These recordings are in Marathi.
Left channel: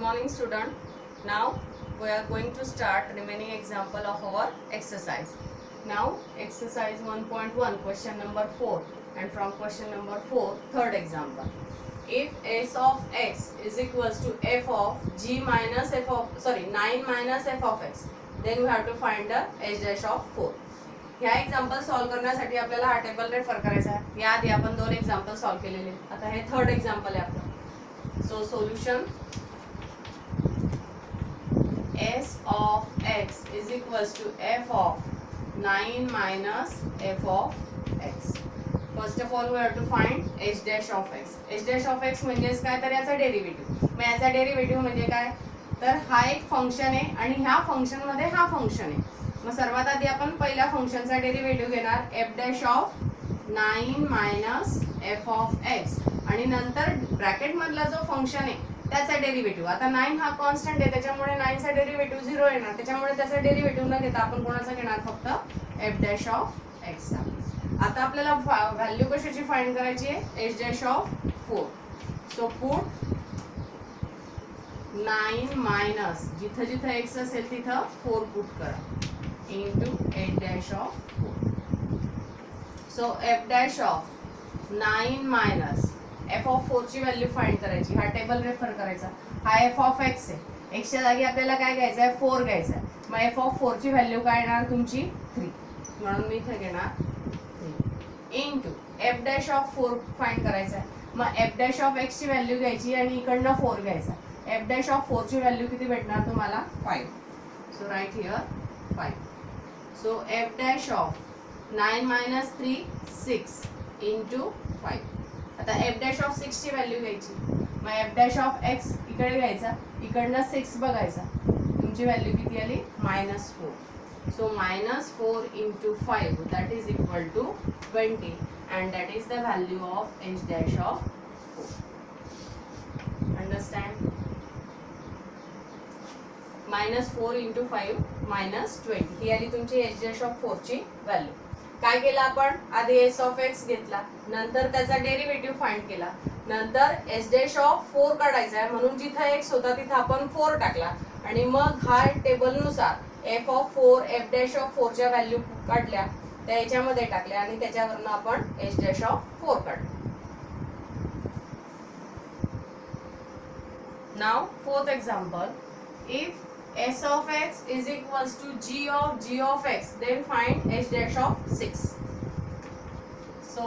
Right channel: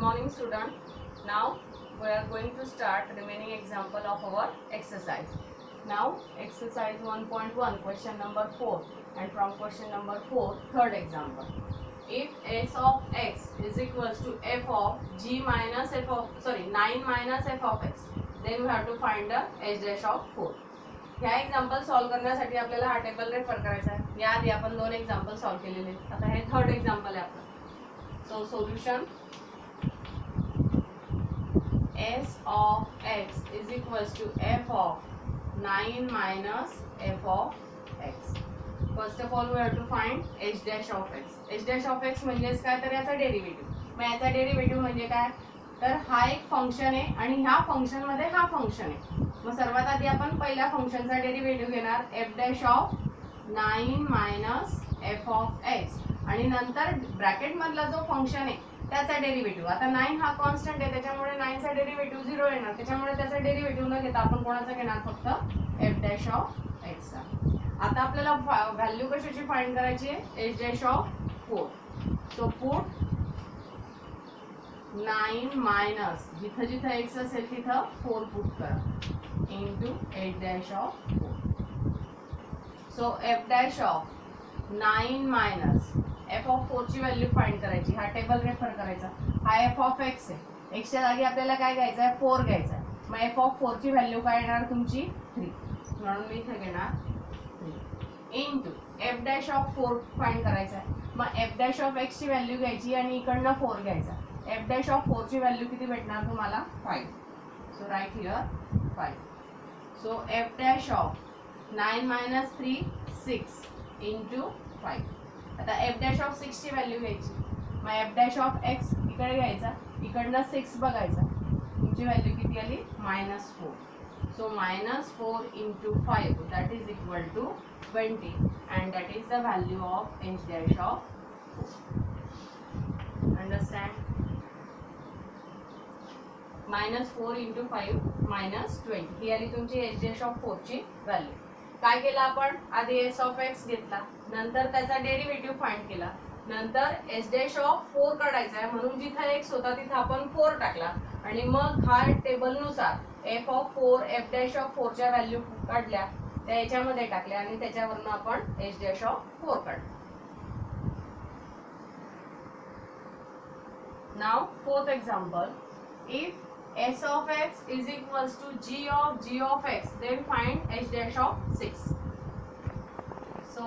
morning student. Now we are going to start remaining example of our exercise. Now exercise 1.1 question number 4 and from question number 4 third example. If s of x is equals to f of g minus f of 9 minus f of x, then we have to find the h dash of 4. ह्या एक्झाम्पल सॉल्व करण्यासाठी आपल्याला हा टेबल रेफर करायचा आहे. याआधी आपण दोन एक्झाम्पल सॉल्व केलेले. आता हे थर्ड एक्झाम्पल आहे आपलं. So solution s of x is equals to f of 9 minus f of x. First of all we have to find h dash of x. h dash of x म्हणजेच काय, तर याचा डेरिव्हेटिव्ह. मग याचा डेरिव्हेटिव्ह म्हणजे काय, तर हा एक फंक्शन आहे आणि ह्या फंक्शन मध्ये हा फंक्शन आहे. मग सर्वात आधी आपण पहिल्या फंक्शनचा डेरिव्हेटिव्ह घेणार f dash of 9 minus f of x आणि नंतर ब्रॅकेट मधला जो फंक्शन आहे त्याचा डेरिव्हेटिव्ह. आता 9 हा कॉन्स्टंट आहे त्याच्यामुळे 9 चा डेरिव्हेटिव्ह 0 येणार. त्याच्यामुळे त्याचा डेरिव्हेटिव्ह न घेता आपण कोणाचा घेणार, फक्त f dash of x चा. आता आपल्याला व्हॅल्यू कशाची फाइंड करायची आहे, h dash of 4. So put 9 minus जिथं जिथं x असेल तिथं 4 पुट करा into h dash of 4. So f dash of 9 minus f of 4 ची व्हॅल्यू फाइंड करायची. हा टेबल रेफर करायचा. हा f of x आहे. x च्या जागी आपल्याला काय घ्यायचं आहे, 4 घ्यायचं आहे. मग f of 4 ची व्हॅल्यू काय येणार तुमची 3. म्हणून मी इथे घेणार 3 into f dash of 4 find करायचा आहे. मग f dash of x ची व्हॅल्यू घ्यायची आणि इकडनं 4 घ्यायचा. f dash of 4 ची व्हॅल्यू किती भेटणार तुम्हाला, 5. So right here 5. So f dash of 9 minus 3 6 into 5. आता f dash of 6 ची व्हॅल्यू घ्यायची. मग f dash of x इकडे घ्यायचा, इकडनं 6 बघायचा. तुमची व्हॅल्यू किती आली, -4. So -4 into 5 that is equal to 20 and that is the value of h dash of 4. Understand? -4 into 5 -20 ही आली तुमची h dash of 4 ची व्हॅल्यू. काय केलं आपण, आधी s of x घेतला, नंतर त्याचा डेरिव्हेटिव्ह फाइंड केला, नंतर h dash of 4 काढायचा आहे म्हणून जिथं x होता तिथं आपण 4 टाकला आणि मग हा टेबल नुसार f of 4 f dash of 4 च्या व्हॅल्यू काढल्या, त्या याच्यामध्ये टाकल्या आणि त्याच्यावरनं आपण h dash of 4 काढलं. Now fourth example, if s of x is equals to g of x, then find h dash of 6. So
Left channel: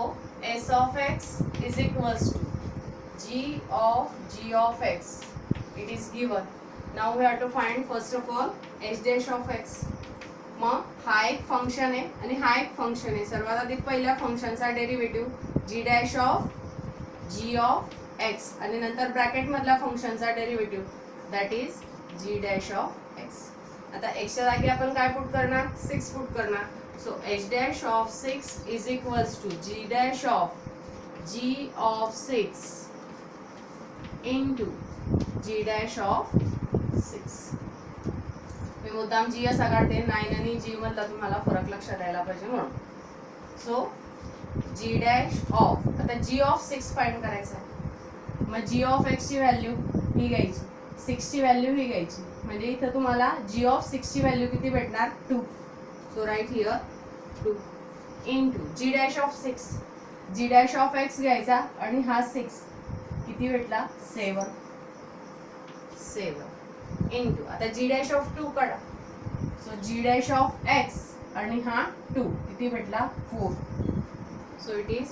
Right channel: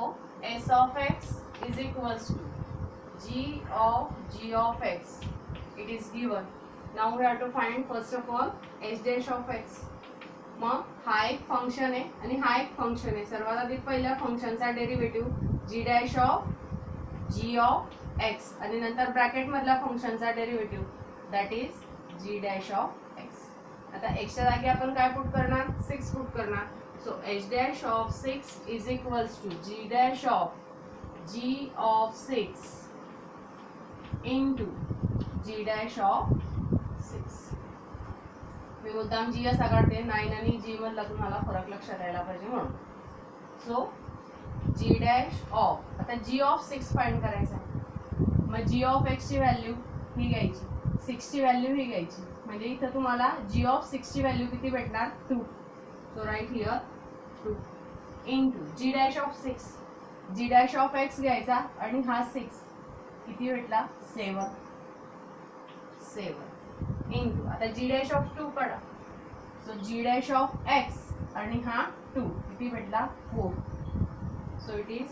s of x is equals to g of x. It is given. Now we have to find first of all h dash of x. मग हा एक फंक्शन आहे आणि हा एक फंक्शन आहे. सर्वात आधी पहिल्या फंक्शनचा derivative g dash of g of x आणि नंतर ब्रॅकेट मधल्या फंक्शनचा derivative that is g dash of x. आता x च्या जागी आपण काय पुट करणार, 6 पुट करणार. So h dash of 6 is equals to g dash of g of 6 into g dash of 6. मी मुद्दाम g असा काढते, 9 आणि g मधला तुम्हाला फरक लक्षात यायला पाहिजे म्हणून. सो g dash of, आता g of 6 फाइंड करायचा आहे. मग g of x ची व्हॅल्यू ही घ्यायची, 6 ची व्हॅल्यू ही घ्यायची. म्हणजे इथं तुम्हाला g of 6 ची व्हॅल्यू किती भेटणार, 2. So right here 2 into g dash of 6. g dash of x घ्यायचा आणि हा 6 किती भेटला, 7 into आता g dash of 2 काढा. So g dash of x आणि हा 2 किती भेटला, 4. So it is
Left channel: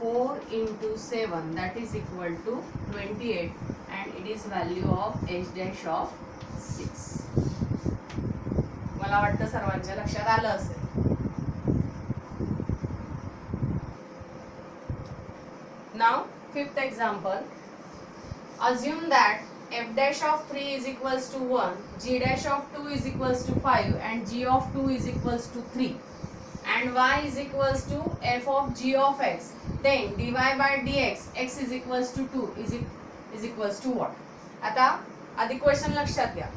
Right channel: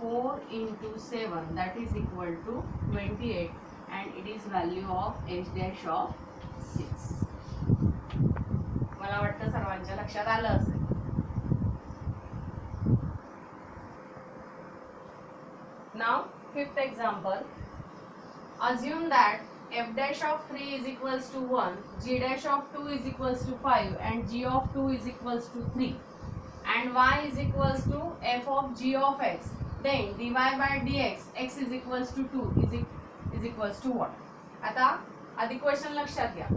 4 into 7 that is equal to 28 and it is value of h dash of 6. मला वाटतं सर्वांच्या लक्षात आलं असेल. Now fifth example, assume that f dash of 3 is equals to 1, g dash of 2 is equals to 5 and g of 2 is equals to 3 and y is equals to f of g of x. Then dy by dx x is equals to 2 is equals to what? आता आधी क्वेश्चन लक्षात घ्या.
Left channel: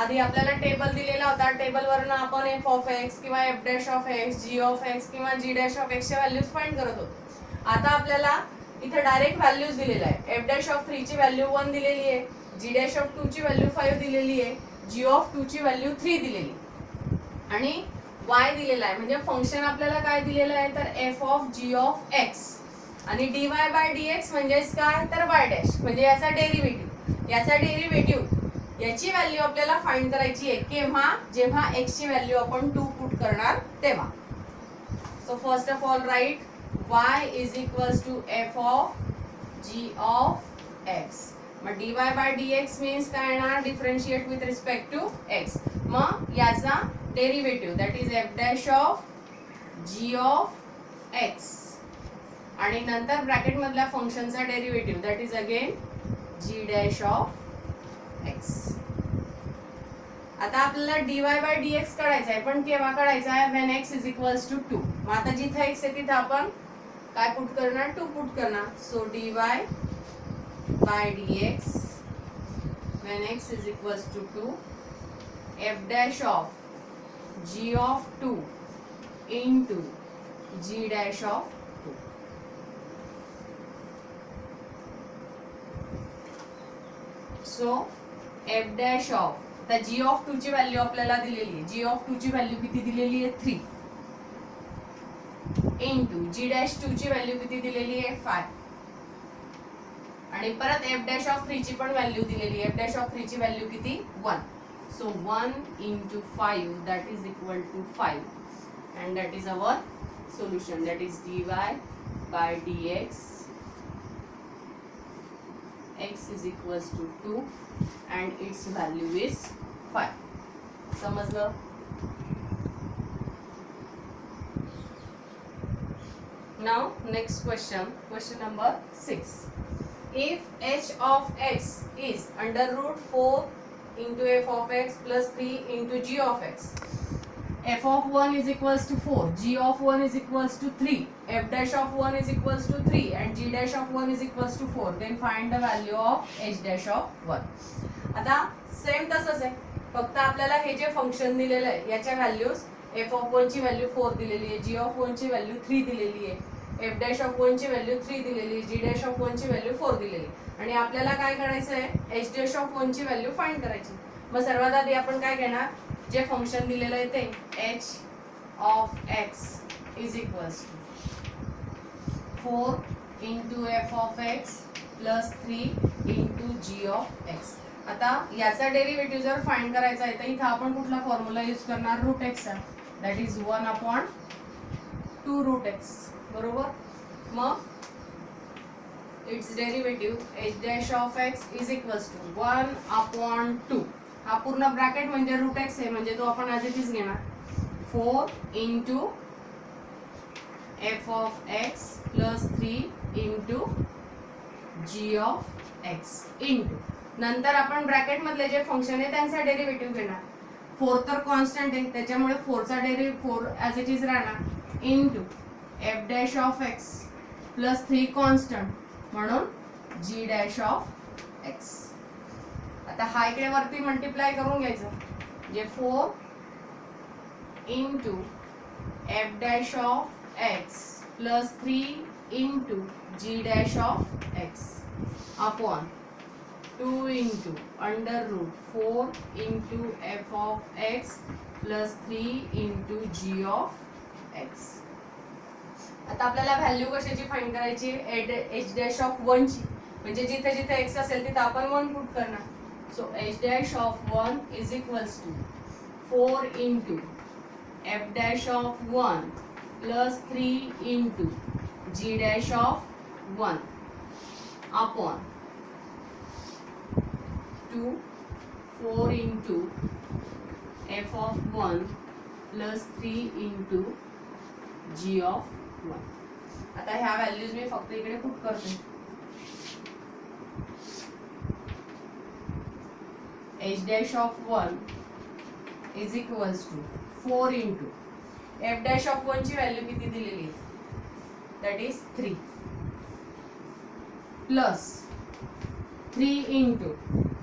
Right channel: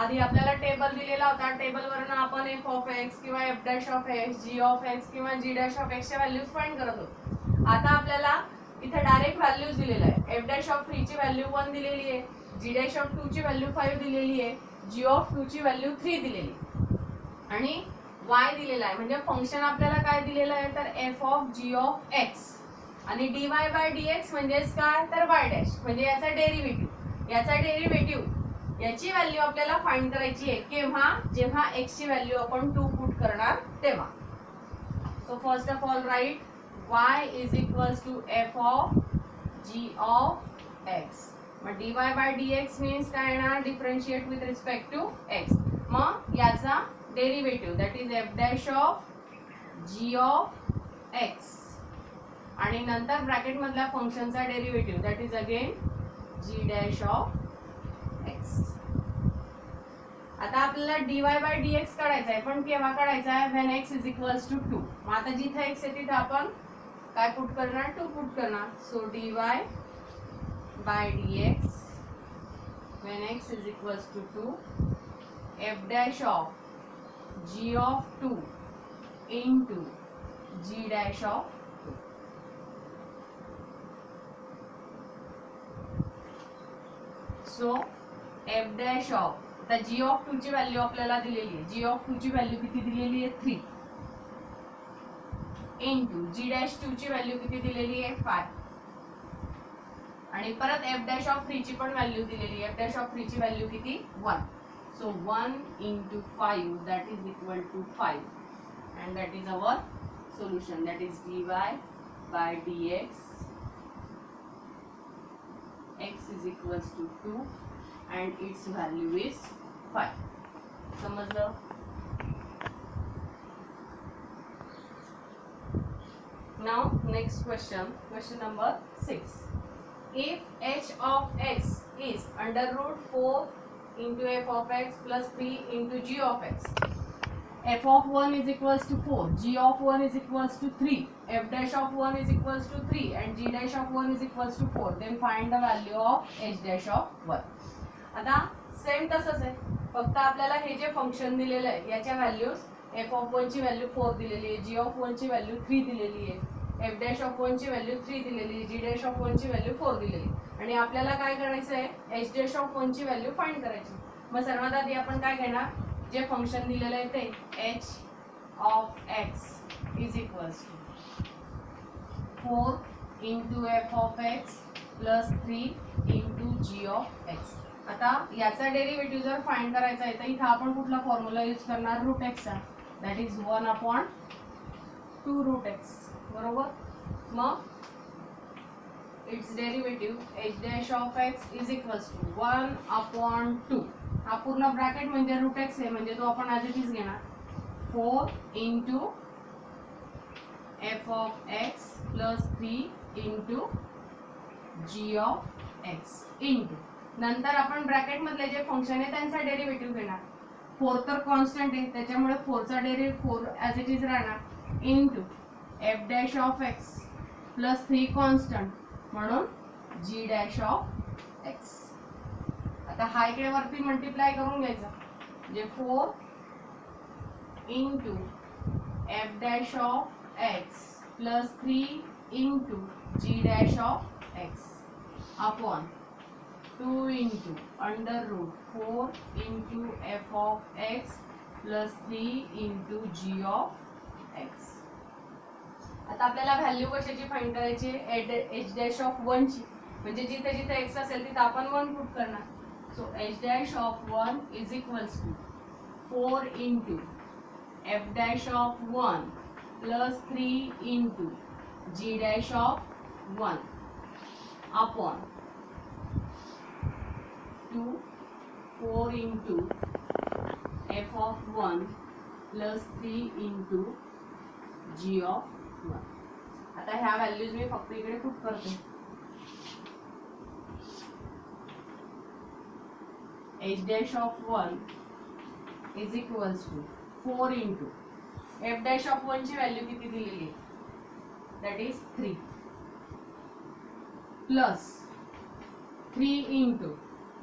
आधी आपल्याला टेबल दिलेला होता, टेबल वरनं आपण f of x किंवा f dash of x, g of x किंवा g dash of x च्या व्हॅल्यूज फाइंड करत होतो. आता आपल्याला इथे डायरेक्ट व्हॅल्यूज दिलेल्या आहे. f dash of 3 ची व्हॅल्यू 1 दिलेली आहे, जी डॅश ऑफ 2 ची व्हॅल्यू 5 दिलेली आहे, जी ऑफ 2 ची व्हॅल्यू 3 दिलेली आणि y दिलेला आहे. म्हणजे फंक्शन आपल्याला काय दिलेलं आहे तर f of g of x आणि dy बाय dx म्हणजेच काय तर y डॅश म्हणजे याचा डेरिव्हेटिव्ह याची व्हॅल्यू आपल्याला फाइंड करायची आहे केव्हा जेव्हा x ची व्हॅल्यू आपण 2 पुट करणार तेव्हा. So first of all write y is equals to f of g of x. मग dy बाय dx मीन्स काय येणार differentiate with respect to x. मग याचा derivative that is f dash of g of x आणि नंतर ब्रॅकेट मधल्या फंक्शनचा derivative that is again g dash of x. आता आपल्याला dy बाय dx काढायचा आहे पण केव्हा काढायचा आहे when x is equals to 2. मग आता जिथे x आहे तिथे आपण काय पुट करणार 2 पुट करणार. So dy by dx when x is equals to 2 f dash of g of 2 into g dash of 2. So f dash of तर g of 2 ची व्हॅल्यू आपल्याला दिलेली आहे. g of 2 ची व्हॅल्यू किती दिलेली आहे 3 into g dash 2 ची व्हॅल्यू किती दिलेली आहे 5 आणि परत f dash of 3 ची पण व्हॅल्यू दिलेली आहे. f dash of 3 ची व्हॅल्यू किती 1. So 1 into 5 that is equal to 5 and that is our solution, that is dy by dx x is equals to 2 and its value is 5. समजलं? Now next question number 6. If h of x is under root 4 into f of x plus 3 into g of x, f of 1 is equals to 4, g of 1 is equals to 3, f dash of 1 is equals to 3 and g dash of 1 is equals to 4, then find the value of h dash of 1. आता सेम तसंच आहे, फक्त आपल्याला हे जे फंक्शन दिलेलं आहे याच्या व्हॅल्यूज f of 1 ची व्हॅल्यू 4 दिलेली आहे, g of 1 ची व्हॅल्यू 3 दिलेली आहे, f dash of 1 ची व्हॅल्यू 3 दिलेली आहे, g dash of 1 ची व्हॅल्यू 4 दिलेली आणि आपल्याला काय करायचं आहे h dash of 1 ची व्हॅल्यू फाइंड करायची. मग सर्वात आधी आपण काय घेणार जे फंक्शन दिलेलं आहे ते h of x is equals to 4 into f of x plus 3 into g of x. आता याचा डेरिव्हेटिव्ह जर फाइंड करायचा आहे तर इथे आपण कुठला फॉर्म्युला यूज करणार रूट x चा, that is 1 upon 2 root x. बरोबर. मग its derivative h dash of x is equals to 1 upon 2. हा पूर्ण ब्रॅकेट म्हणजे रूट x आहे म्हणजे तो आपण ॲज इट इज घेणार 4 into f of x plus 3 into g of x into नंतर आपण ब्रॅकेट मधले जे फंक्शन आहे त्यांचा डेरिव्हेटिव्ह घेणार. 4 तर कॉन्स्टंट आहे त्याच्यामुळे 4 चा डेरिव्हेटिव्ह 4 ॲज इट इज राहणार into f dash of x plus 3 constant म्हणून g डॅश ऑफ x. आता हा इकडे वरती मल्टिप्लाय करून घ्यायचं म्हणजे 4 into f dash of x plus 3 into g dash of x upon 2 into under root 4 into f of x plus 3 into g of x. आता आपल्याला व्हॅल्यू कशाची फाइंड करायची h डॅश ऑफ 1 ची म्हणजे जिथे जिथे x असेल तिथे आपण 1 पुट करणार. So h dash of 1 is equals to 4 into f dash of 1 plus 3 into g dash of 1 upon 2 4 into f of 1 plus 3 into g of 1. आता ह्या व्हॅल्यूज मी फक्त इकडे पुट करते. h dash of 1 is equals to 4 into f dash of 1 ची व्हॅल्यू किती दिलेली आहे that is 3 plus 3 into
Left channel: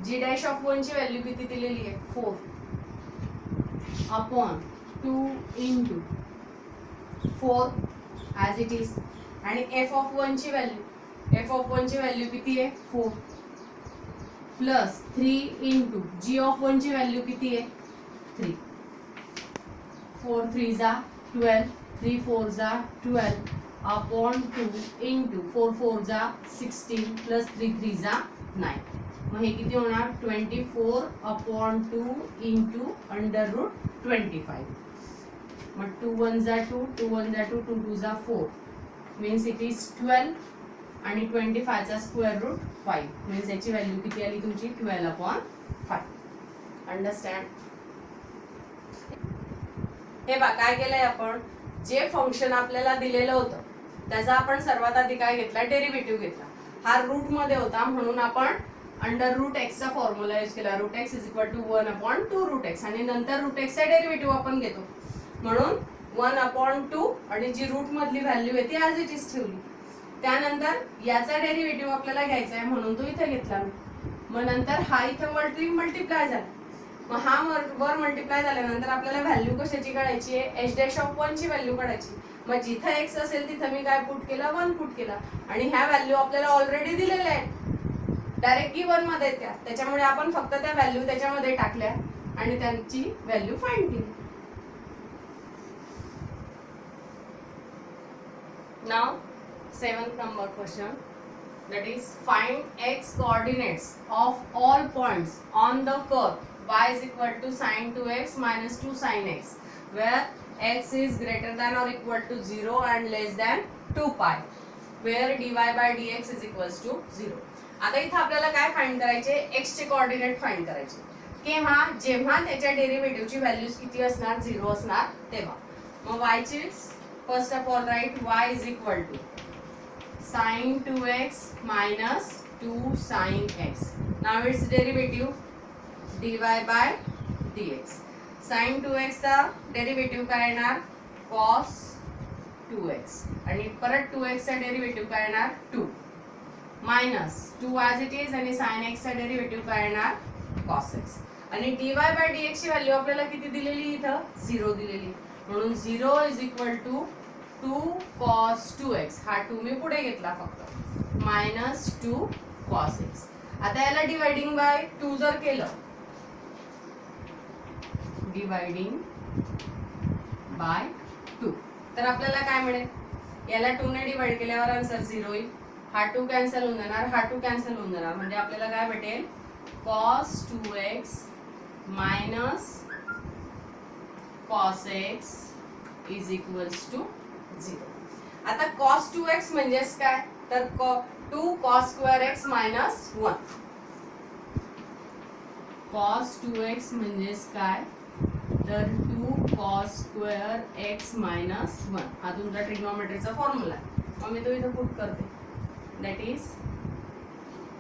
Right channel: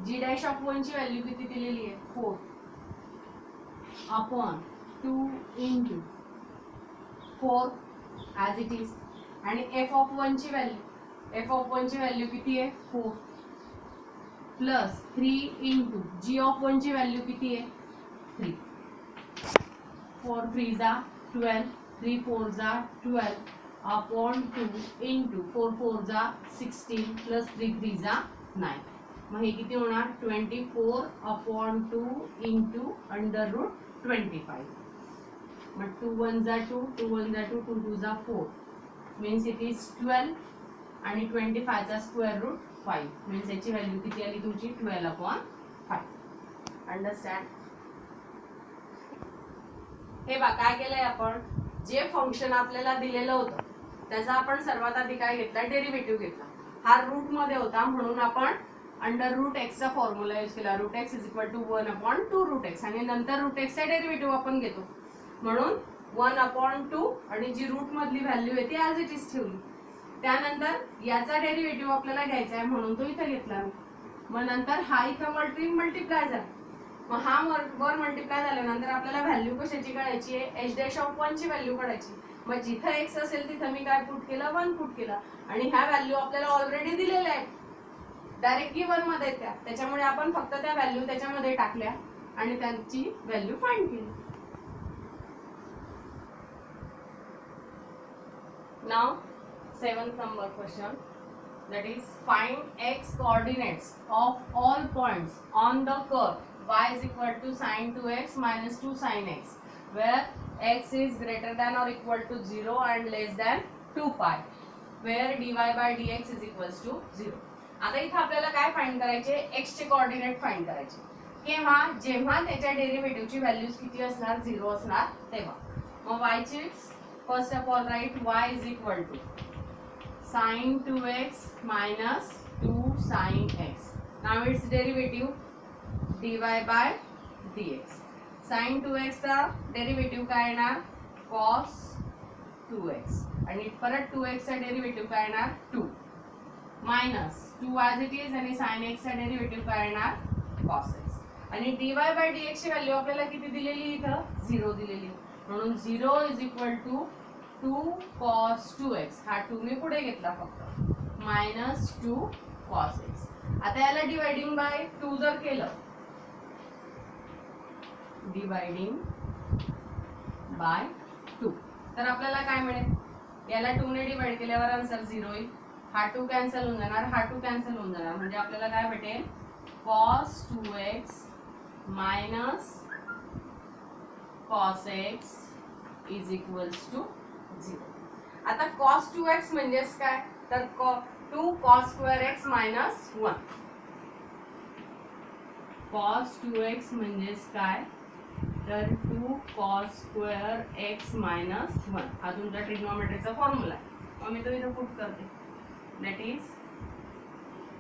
g dash of 1 ची व्हॅल्यू किती दिलेली आहे 4 upon 2 into 4 as it is आणि f of 1 ची व्हॅल्यू किती आहे 4 प्लस 3 इंटू जी ऑफ 1 ची व्हॅल्यू किती आहे 3. 4 3 जा 12, 3 4 जा 12 अपॉन 2 इंटू 4 4 जा 16 प्लस 3 3 जा 9. मग हे किती होणार 24 अपॉन 2 इंटू अंडर रूट 25. मग 2 1 जा 2, 2 1 जा 2, 2 2 जा 4 मीन्स इट इज 12 आणि 25 चा स्क्वेअर रूट 5 मीन्स याची व्हॅल्यू किती आली तुमची 12 अपॉन 5. अंडरस्टँड. हे बघा काय केलंय आपण जे फंक्शन आपल्याला दिलेलं होतं त्याचा आपण सर्वात आधी काय घेतला डेरिव्हेटिव्ह घेतला. हा रूट मध्ये होता म्हणून आपण अंडर रूट एक्स चा फॉर्म्युला यूज केला. Root x is equal to 1 upon 2 root x आणि नंतर रूट एक्स चा डेरिव्हेटिव्ह आपण घेतो म्हणून 1 अपॉन 2 आणि जी रूट मधली व्हॅल्यू आहे ती ॲज इट इज ठेवली. त्यानंतर याचा डेरिव्हेटिव्ह आपल्याला घ्यायचा आहे म्हणून तो इथे घेतला. मग नंतर हा इथे मल्टिप्लाय झाला. मग हा वर मल्टिप्लाय झाल्यानंतर आपल्याला व्हॅल्यू कशाची काढायची आहे एच डॅश ऑफ 1 ची व्हॅल्यू काढायची. मग जिथे एक्स असेल तिथे मी काय पुट केला 1 पुट केला आणि ह्या व्हॅल्यू आपल्याला ऑलरेडी दिलेल्या आहेत डायरेक्ट गिवन मध्ये त्या त्याच्यामुळे आपण फक्त त्या व्हॅल्यू त्याच्यामध्ये टाकल्या आणि त्यांची व्हॅल्यू फाइंड केली. Now 7th number question, that is find x coordinates of all points on the curve y is equal to sin 2x minus 2 sin x where x is greater than or equal to 0 and less than 2 pi where dy by dx is equals to 0. आता इथे आपल्याला काय फाइंड करायचे x चे कोऑर्डिनेट फाइंड करायचे. केव्हा जेव्हा त्याच्या डेरिव्हेटिव्ह ची व्हॅल्यूज किती असणार 0 असणार तेव्हा. मग y ची first of all write y is equal to sin 2x minus 2 sin x. Now its derivative dy by dx. sin 2x चा डेरिव्हेटिव्ह काय येणार cos 2x आणि परत 2x चा डेरिव्हेटिव्ह काय येणार 2 मायनस 2 as it is आणि sin x चा डेरिव्हेटिव्ह काय येणार cos x आणि dy by dx ची व्हॅल्यू आपल्याला किती दिलेली इथं 0 दिलेली म्हणून 0 is equal to 2 cos 2x हा 2 मी पुढे घेतला फक्त मायनस 2 cos x. आता याला डिवाइडिंग बाय 2 जर केलं डिवाइडिंग बाय 2 तर आपल्याला काय मिळेल याला 2 ने डिवाइड केल्यावर आन्सर 0 येईल. हा 2 कॅन्सल होऊन जाणार हा 2 कॅन्सल होऊन जाणार म्हणजे आपल्याला काय भेटेल cos 2x minus cos x is equals to 0. आता cos 2x म्हणजेच काय तर 2 cos square x minus 1. cos 2x म्हणजेच काय तर 2 cos square x minus 1 हा तुमचा ट्रिग्नोमेट्रीचा फॉर्म्युला आहे. मग मी तो इथे पुट करते that is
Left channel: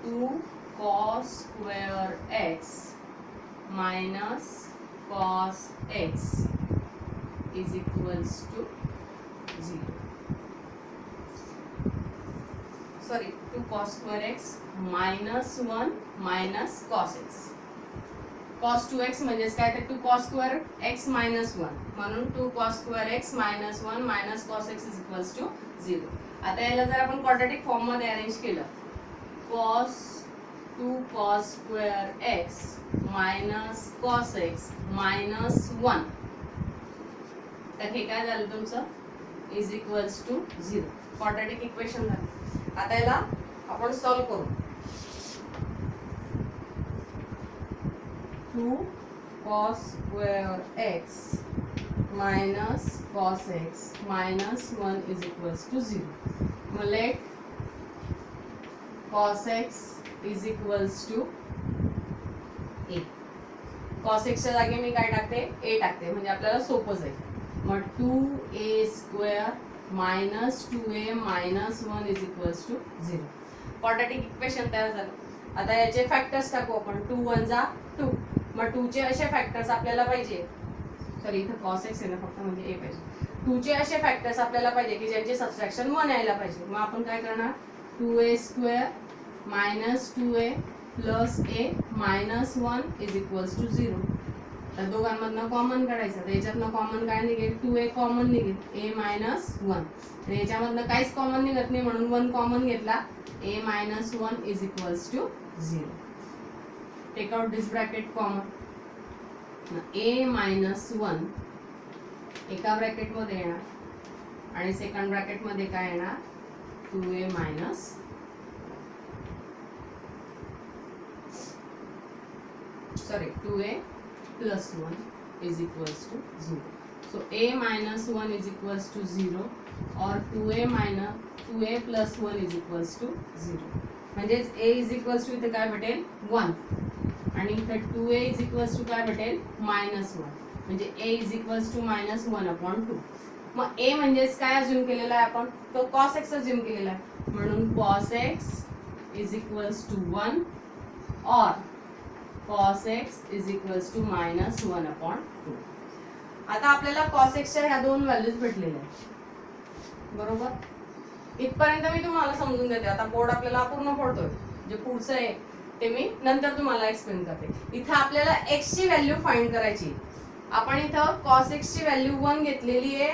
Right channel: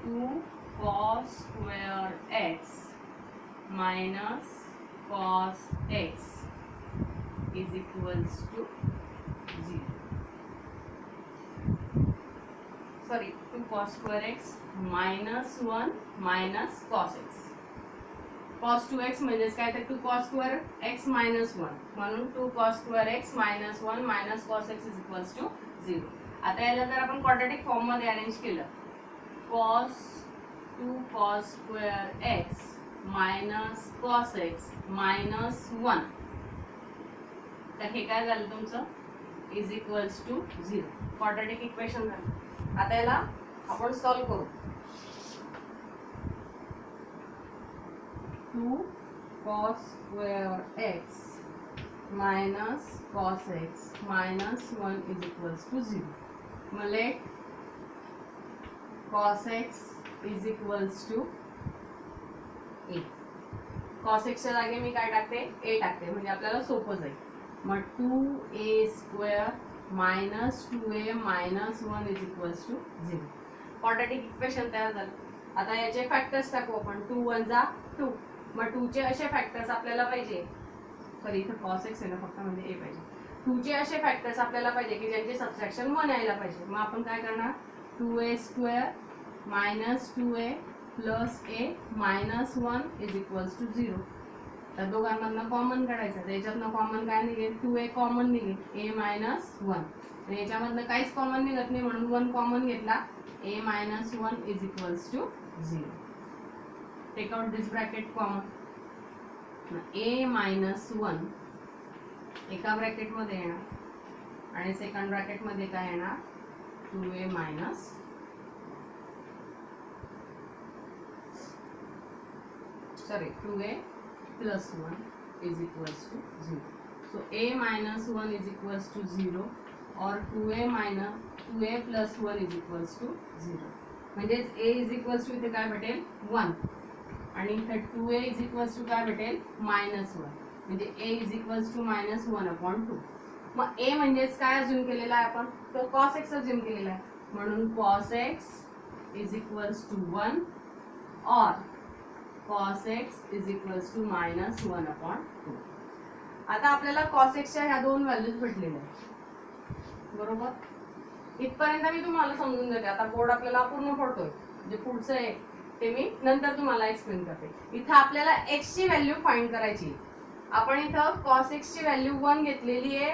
2 cos square x minus cos x is equals to 0. Sorry, 2 cos square x minus 1 minus cos x. cos 2x म्हणजेच काय तर 2 cos square x minus 1 म्हणून 2 cos square x minus 1 minus cos x is equals to 0. आता याला जर आपण क्वाड्रॅटिक फॉर्म मध्ये अरेंज केलं cos 2 cos square x minus cos x minus 1 तर हे काय झालं तुमचं is equals to 0 quadratic equation झालं. आता याला आपण सॉल्व करू 2 cos square x minus cos x minus 1 is equals to 0. मग late cos x is equals to a. cos x च्या जागी मी काय टाकते a टाकते म्हणजे आपल्याला सोपं जाईल. मग 2a square minus 2a minus 1 is equals to 0. Quadratic equation तयार झालं. आता याचे फॅक्टर्स टाकू आपण 2 1 जा 2 मग 2 चे असे फॅक्टर्स आपल्याला पाहिजे सॉरी इथं cos x आहे ना फक्त म्हणजे a पाहिजे 2 चे असे फॅक्टर्स आपल्याला पाहिजे की ज्यांचे सबट्रॅक्शन 1 यायला पाहिजे. मग आपण काय करणार 2a square minus 2a plus a minus 1 is equals to 0. तर दोघांमधनं कॉमन काढायचं त्याच्यातनं कॉमन काय निघेल 2a कॉमन निघेल a minus 1 आणि याच्यामधनं काहीच कॉमन निघत नाही म्हणून 1 कॉमन घेतला a minus 1 is equals to 0. Take out this bracket common. A minus 1 एका ब्रॅकेट मध्ये येणार आणि सेकंड ब्रॅकेट मध्ये काय येणार 2a minus sorry 2a plus 1 is equals to 0. So a minus 1 is equals to 0 or 2a plus 1 is equals to 0. म्हणजेच a is equals to इथे काय भेटेल 1 आणि इथे 2a is equals to काय भेटेल -1 म्हणजे a is equals to -1/2. मग a म्हणजेच काय अज्युम केलेला आहे आपण तो cos x अज्युम केलेला आहे म्हणून cos x is equals to 1 or cos x is equals to -1/2. आता आपल्याला cos x च्या ह्या दोन व्हॅल्यूज भेटलेल्या आहेत बरोबर. इथपर्यंत मी तुम्हाला समजून देते. आता बोर्ड आपल्याला पूर्ण पडतोय जे पुढचं आहे ते मी नंतर तुम्हाला एक्सप्लेन करते. इथं आपल्याला x ची व्हॅल्यू फाइंड करायची. आपण इथं cos x ची व्हॅल्यू 1 घेतलेली आहे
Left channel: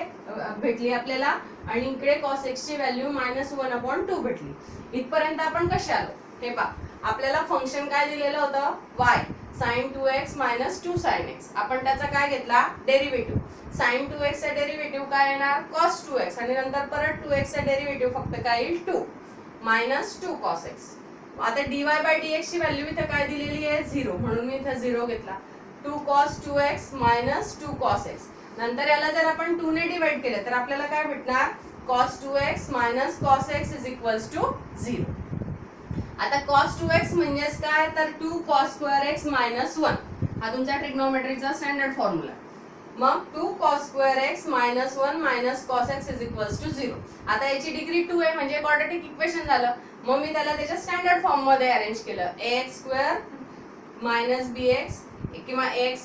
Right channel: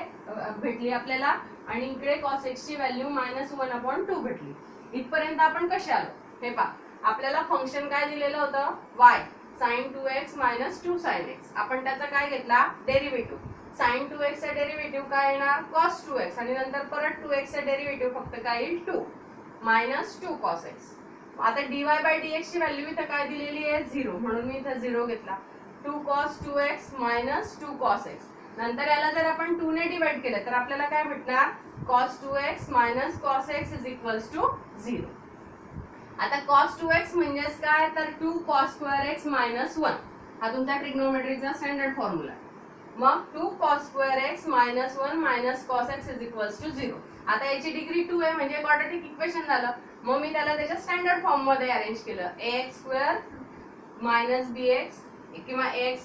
भेटली आपल्याला आणि इकडे cos x ची व्हॅल्यू -1/2 भेटली. इथपर्यंत आपण कसे आलो हे पहा. आपल्याला फंक्शन काय दिलेलं होतं y sin 2x - 2 sin x. आपण त्याचा काय घेतला डेरिव्हेटिव्ह. sin 2x चा डेरिव्हेटिव्ह काय येणार cos 2x आणि नंतर परत 2x चा डेरिव्हेटिव्ह फक्त काय येईल 2 -2 cos x. आता dy/dx ची व्हॅल्यू इथे काय दिलेली आहे 0 म्हणून मी इथे 0 घेतला. 2 cos 2x - 2 cos x. नंतर याला जर आपण 2 ने डिवाइड केलं तर आपल्याला काय भेटणार cos 2x - cos x is equals to 0. आता cos 2x म्हणजेच काय तर 2 cos square x - 1 हा तुमचा ट्रिग्नोमेट्रीचा स्टँडर्ड फॉर्म्युला. मग 2 cos square x - 1 cos x is equals to 0. आता याची डिग्री 2 आहे म्हणजे क्वाड्रॅटिक इक्वेशन झालं. मग मी त्याला त्याच्या स्टँडर्ड फॉर्म मध्ये अरेंज केलं. ax² - bx किंवा ax²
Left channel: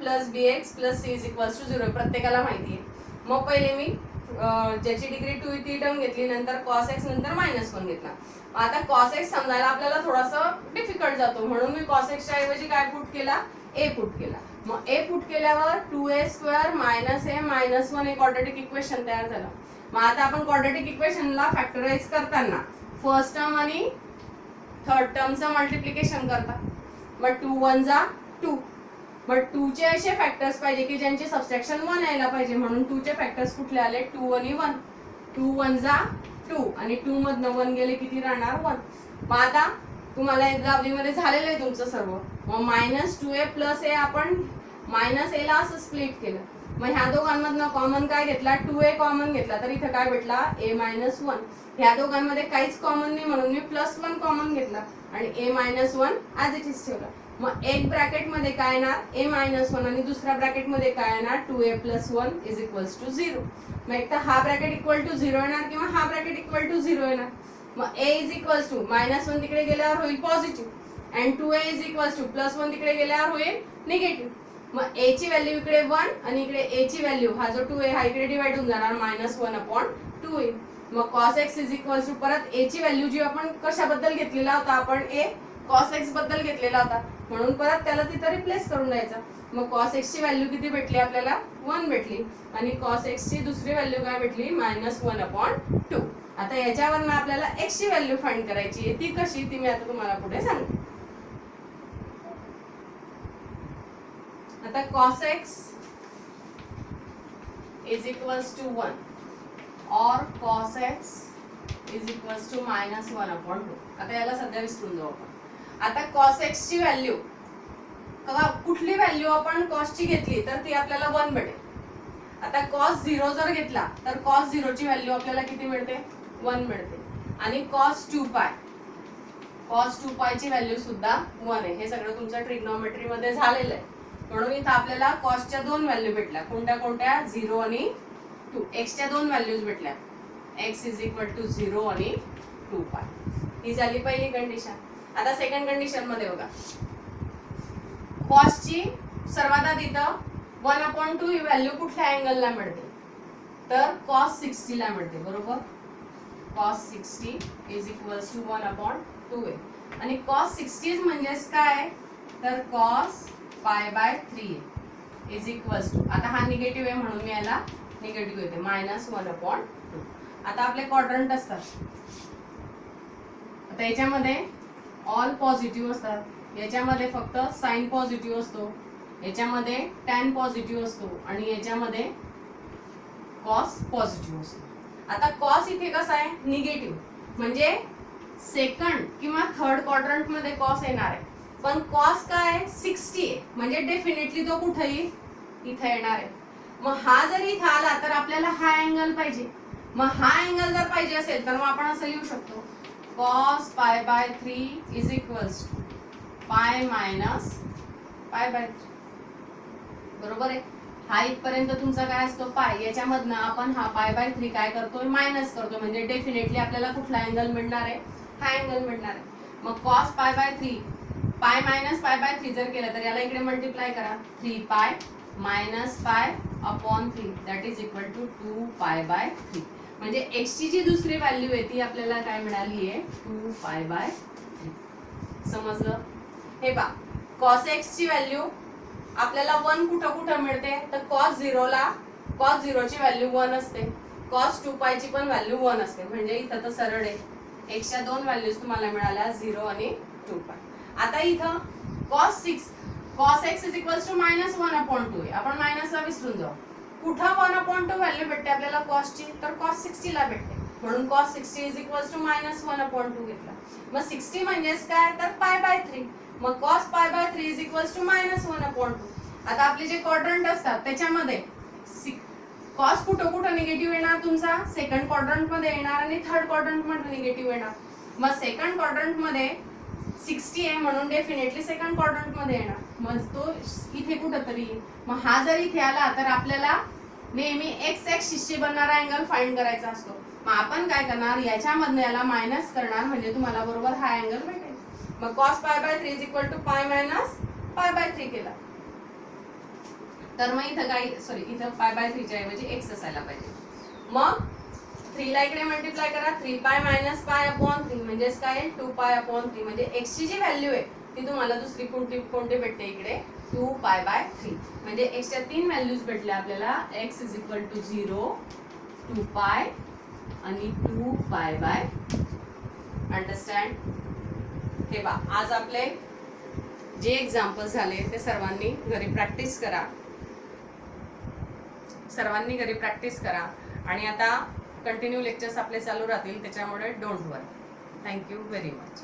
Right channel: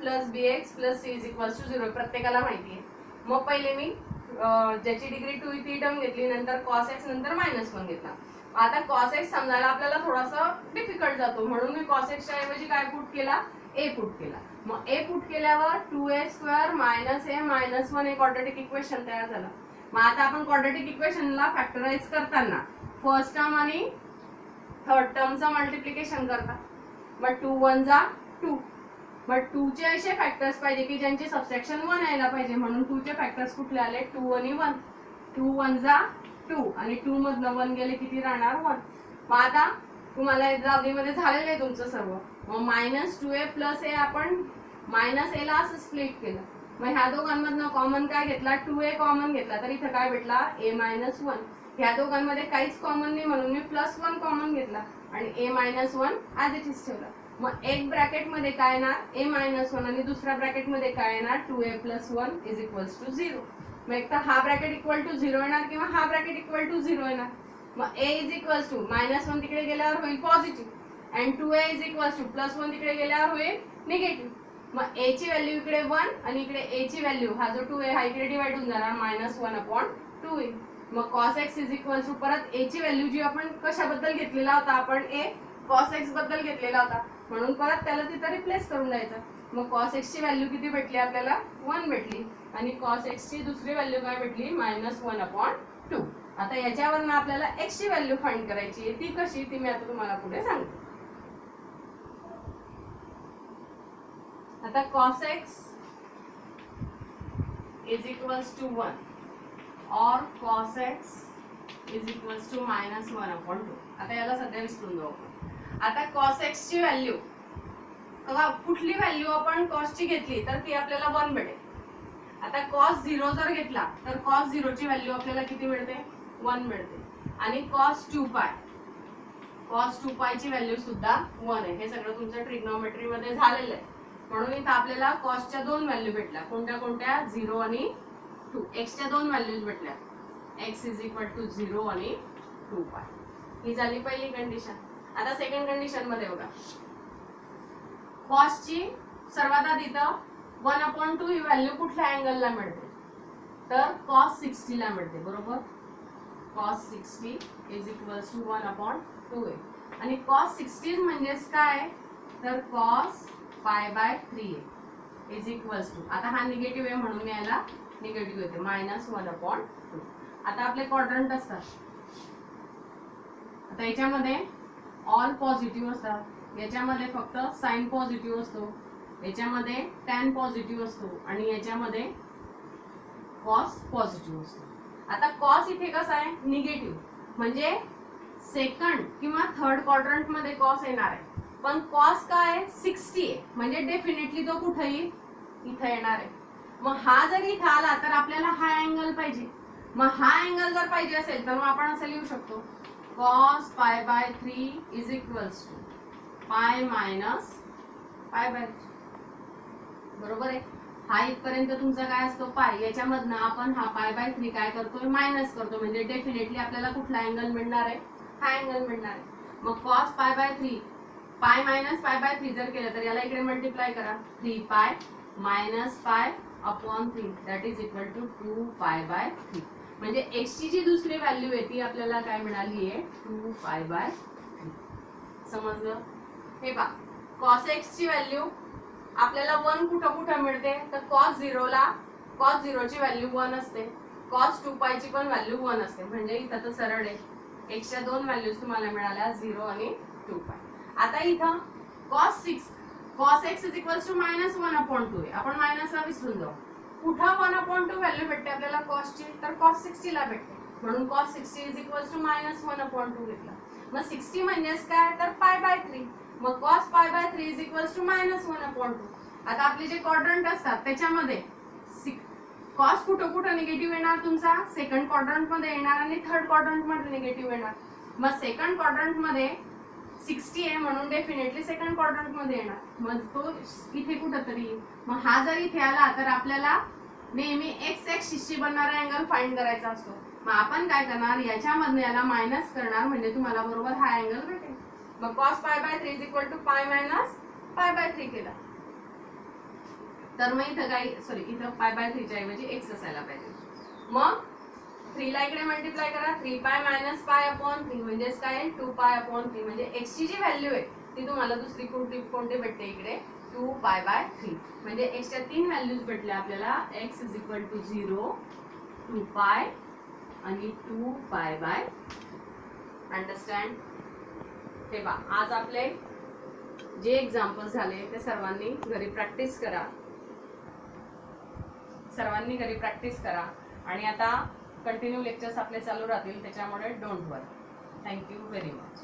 + bx + c is equals to 0 प्रत्येकाला माहिती आहे. मग पहिले मी ज्याची डिग्री 2 ती टर्म घेतली नंतर cos x नंतर -1 घेतला. आता cos x समजायला आपल्याला थोडासा डिफिकल्ट जातो म्हणून मी cos x च्या ऐवजी काय पुट केला a पुट केला. मग a पुट केल्यावर 2a² - a - 1 एक क्वाड्रॅटिक इक्वेशन तयार झालं. मग आता आपण क्वाड्रॅटिक इक्वेशनला फॅक्टराइज करताना फर्स्ट टर्म आणि थर्ड टर्मचं मल्टिप्लिकेशन करता. मग 2 1 जा 2. मग 2 चे असे फॅक्टर्स पाहिजे की ज्यांचे सबट्रॅक्शन 1 यायला पाहिजे म्हणून 2 चे फॅक्टर्स कुठले आले 2 आणि 1. 2 1 जा 2 आणि 2 मधनं 1 गेले किती राहणार 1. मग आता तुम्हाला एक्झाम्पल मध्ये झालेलं आहे तुमचं सर्व. मग -2a + a आपण -a ला असं स्प्लिट केलं. मग ह्या दोघांमधनं कॉमन काय घेतला 2a कॉमन घेतला तर इथं काय भेटला a - 1. ह्या दोघांमध्ये काहीच कॉमन नाही म्हणून मी +1 कॉमन घेतला आणि a - 1 ॲज इट इज ठेवला. मग एक ब्रॅकेट मध्ये काय येणार a - 1 आणि दुसऱ्या ब्रॅकेट मध्ये काय येणार 2a + 1 is equals to 0. मग एकदा हा ब्रॅकेट इक्वल टू 0 येणार किंवा हा ब्रॅकेट इक्वल टू 0 येणार. मग a is equals to -1 तिकडे गेल्यावर होईल पॉझिटिव्ह आणि 2a is equals to +1 तिकडे गेल्यावर होईल निगेटिव्ह. मग a ची व्हॅल्यू इकडे 1 आणि इकडे a ची व्हॅल्यू हा जो 2a हा इकडे डिवाइड होऊन जाणार -1/2 येईल. मग cos x is equals to परत a ची व्हॅल्यू जी आपण कशाबद्दल घेतलेला होता आपण a cos x बद्दल घेतलेला होता म्हणून परत त्याला तिथे रिप्लेस करून द्यायचा. मग cos x ची व्हॅल्यू किती भेटली आपल्याला 1 भेटली आणि cos x ची दुसरी व्हॅल्यू काय भेटली -1/2. आता याच्यावरनं आपल्याला x ची व्हॅल्यू फाइंड करायची आहे. ती कशी ती मी आता तुम्हाला पुढे सांगते. आता cos x is equals to 1 or cos x is equals to -1/2. आता याला सध्या विसरून जाऊ आपण. आता cos x ची व्हॅल्यू कुठली व्हॅल्यू आपण cos ची घेतली तर ती आपल्याला 1 भेटेल. आता cos 0 जर घेतला तर cos 0 ची व्हॅल्यू आपल्याला किती मिळते 1 मिळते आणि cos 2π ची व्हॅल्यू सुद्धा 1 आहे. हे सगळं तुमच्या ट्रिग्नोमेट्री मध्ये झालेलं आहे म्हणून इथं आपल्याला cos च्या दोन व्हॅल्यू भेटल्या. कोणत्या कोणत्या 0 आणि 2. x च्या दोन व्हॅल्यूज भेटल्या x is equal to 0 आणि 2π. ही झाली पहिली कंडिशन. आता सेकंड कंडिशन मध्ये बघा cos ची सर्वात आधी इथं 1/2 ही व्हॅल्यू कुठल्या अँगलला मिळते तर cos 60 ला मिळते बरोबर. cos 60 is equals to 1/2 आणि cos 60 म्हणजेच काय तर cos π/3 is equals to आता हा निगेटिव्ह आहे म्हणून मी याला निगेटिव्ह येते -1/2. आता आपले क्वाड्रंट असतात आता याच्यामध्ये ऑल पॉझिटिव्ह असतात याच्यामध्ये फक्त साइन पॉझिटिव्ह असतो, याच्यामध्ये टॅन पॉझिटिव्ह असतो आणि याच्यामध्ये कॉस पॉझिटिव्ह असतो. आता कॉस इथे कसा आहे निगेटिव्ह, म्हणजे सेकंड किंवा थर्ड क्वाड्रंट मध्ये कॉस येणार आहे, पण कॉस काय आहे 60 आहे, म्हणजे डेफिनेटली तो कुठे येईल इथे येणार आहे. मग हा जर इथे आला तर आपल्याला हा अँगल पाहिजे. मग हा अँगल जर पाहिजे असेल तर मग आपण असं लिहू शकतो cos pi by 3 is equals to pi minus pi by 3. बरोबर आहे. हा इथपर्यंत तुमचा काय असतो पाय, याच्यामधनं आपण हा पाय बाय 3 काय करतोय मायनस करतो, म्हणजे डेफिनेटली आपल्याला कुठला अँगल मिळणार आहे हा अँगल मिळणार आहे. मग cos pi by 3 pi minus pi by 3 जर केलं तर याला इकडे मल्टिप्लाय करा, 3 pi minus pi upon 3 that is equal to 2 pi by 3. म्हणजे x ची जी दुसरी व्हॅल्यू आहे ती आपल्याला काय मिळाली आहे 2 पाय बाय 3. समजलं. हे पहा cos x ची व्हॅल्यू आपल्याला 1 कुठं कुठं मिळते तर cos 0 ला cos 0 ची व्हॅल्यू 1 असते, cos 2 ची पण व्हॅल्यू 1 असते, म्हणजे इथं तर सरळ आहे x च्या दोन व्हॅल्यूज तुम्हाला मिळाल्या 0 आणि 2 पाय. आता इथं cos x is equals to -1 upon 2 आहे, आपण मायनसला विसरून जाऊ. कुठं 1 upon 2 व्हॅल्यू भेटते आपल्याला cos ची तर cos 60 ला भेटते, म्हणून cos 60 is equals to -1 upon 2 घेतला. मग 60 म्हणजेच काय तर पाय बाय 3, मग cos pi by 3 is equals to -1 upon 2. आता आपले जे क्वाड्रंट असतात त्याच्यामध्ये cos कुठं कुठं निगेटिव्ह येणार तुमचा सेकंड क्वाड्रंट मध्ये येणार आणि थर्ड क्वाड्रंट मध्ये निगेटिव्ह येणार. मग सेकंड क्वाड्रंट मध्ये 60 आहे म्हणून डेफिनेटली सेकंड क्वाड्रंट मध्ये येणार, मग तो इथे कुठंतरी. मग हा जर इथे आला तर आपल्याला नेहमी एक्स ऍक्सिस शी बनणारा अँगल फाइंड करायचा असतो. मग आपण काय करणार याच्यामधनं याला मायनस करणार, म्हणजे तुम्हाला बरोबर हा अँगल भेटेल. मग cos pi by 3 is equal to पाय मायनस पाय बाय 3 केला तर मग इथं काय सॉरी इथं पाय बाय 3 च्या ऐवजी x असायला पाहिजे. मग 3 ला इकडे मल्टिप्लाय करा, 3 पाय मायनस पाय अपॉन 3 म्हणजेच काय 2 पाय अपॉन 3, म्हणजे x ची जी व्हॅल्यू आहे ती तुम्हाला दुसरी कोणती भेटते इकडे 2 पाय बाय 3. म्हणजे x च्या तीन व्हॅल्यूज भेटल्या आपल्याला, x इज इक्वल टू 0, 2 पाय आणि 2 पाय बाय. अंडरस्टँड. हे पहा आज आपले जे एक्झाम्पल झाले ते सर्वांनी घरी प्रॅक्टिस करा, आणि आता कंटिन्यू लेक्चर्स आपले चालू राहतील, त्याच्यामुळे don't worry. Thank you very much.